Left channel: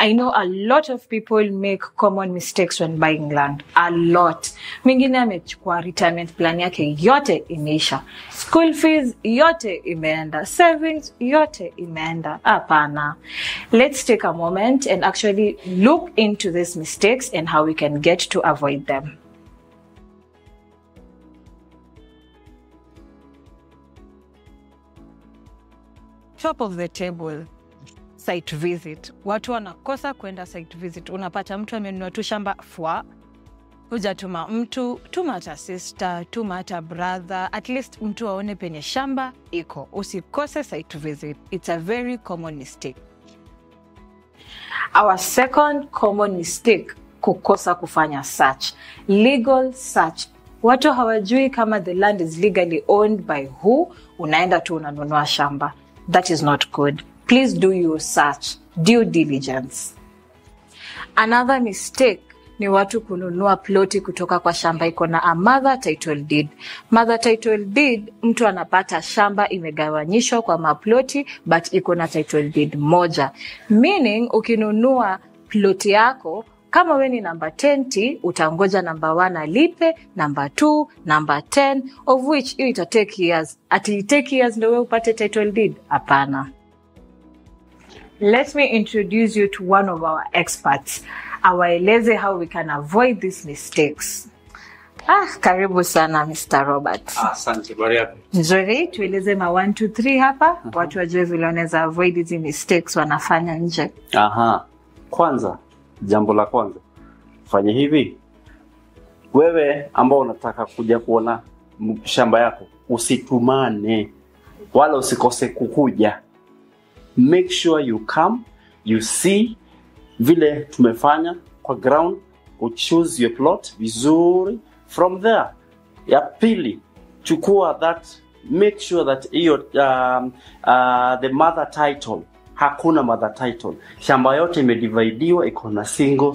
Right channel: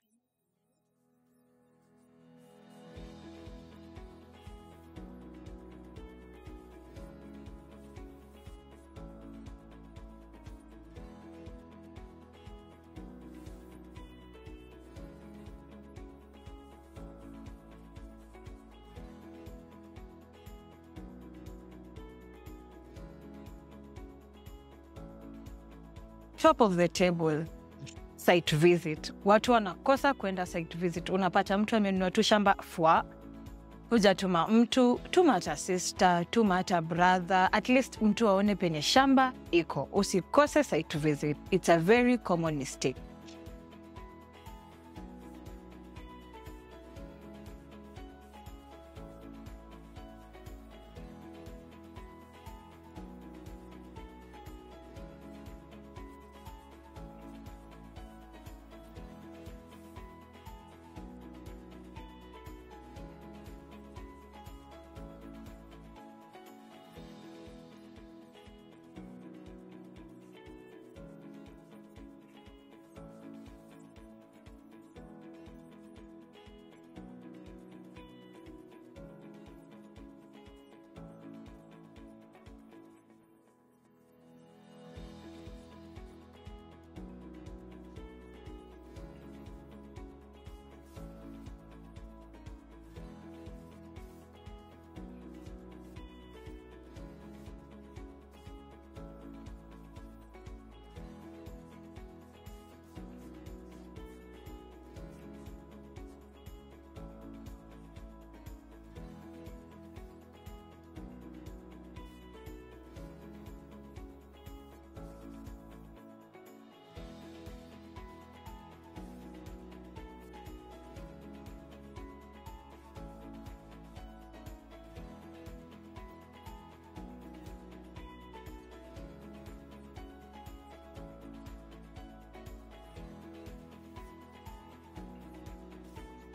I know a lot of people make common mistakes when buying land. A lot. Mwingine amechukua retirement plan yake yote imeisha. School fees yote imeenda. Savings yote imeenda. Hapana. Let's take a moment and actually look into these mistakes and how we can get to avoid them. Top of the table, site visit. Watu wanakosa kwenda site visit. Unapata mtu amenunua tu shamba fwa, hujatuma mtu, tuma hata sister, tuma hata brother, at least mtu aone penye shamba iko. Usikose site visit. It's a very common mistake. Our second common mistake, kukosa kufanya search. Legal search. Watu hawajui kama the land is legally owned by who, unaenda tu unanunua shamba. That is not good. Please do your search, due diligence. Another mistake ni watu kununua ploti kutoka kwa shamba iko na a mother title deed. Mother title deed, mtu anapata shamba imegawanyishwa kwa maploti but iko na title deed moja. Meaning ukinunua ploti yako, kama we ni number 10, utangoja number 1 alipe, number 2, number 10, of which ita take years. Ati take years ndio wewe upate title deed? Hapana. Let me introduce you to one of our experts. Awaeleze how we can avoid these mistakes. Karibu sana Mr. Robert. Asante, bariaka. Nzuri, tueleze ma 1, 2, 3 hapa. Watu wajue vile wanaweza avoid these mistakes wanafanya nje. Kwanza, jambo la kwanza, fanya hivi. Wewe ambao unataka kuja kuona shamba yako, usitumane wala usikose kukuja. Make sure you come, you see vile tumefanya kwa ground, you choose your plot vizuri. From there, ya pili, chukua that, make sure that the mother title, hakuna mother title. Shamba yote imedividiwa, iko na single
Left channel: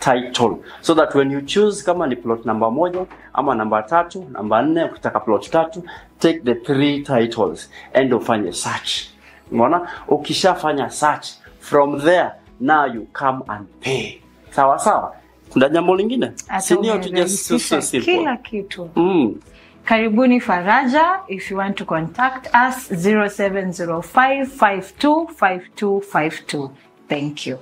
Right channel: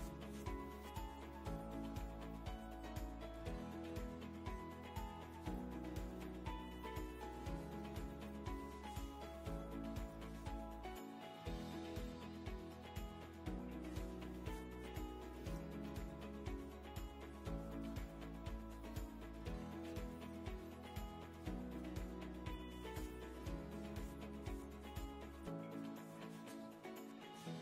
title. So that when you choose kama ni plot number 1 ama number 3, number 4, ukitaka plot 3, take the 3 titles and ufanye search. Unaona? Ukishafanya search, from there now you come and pay. Sawa sawa? Kuna jambo lingine? Sindio tu just simple. Kila kitu. Karibuni Faraja. If you want to contact us, 0705 525252. Thank you.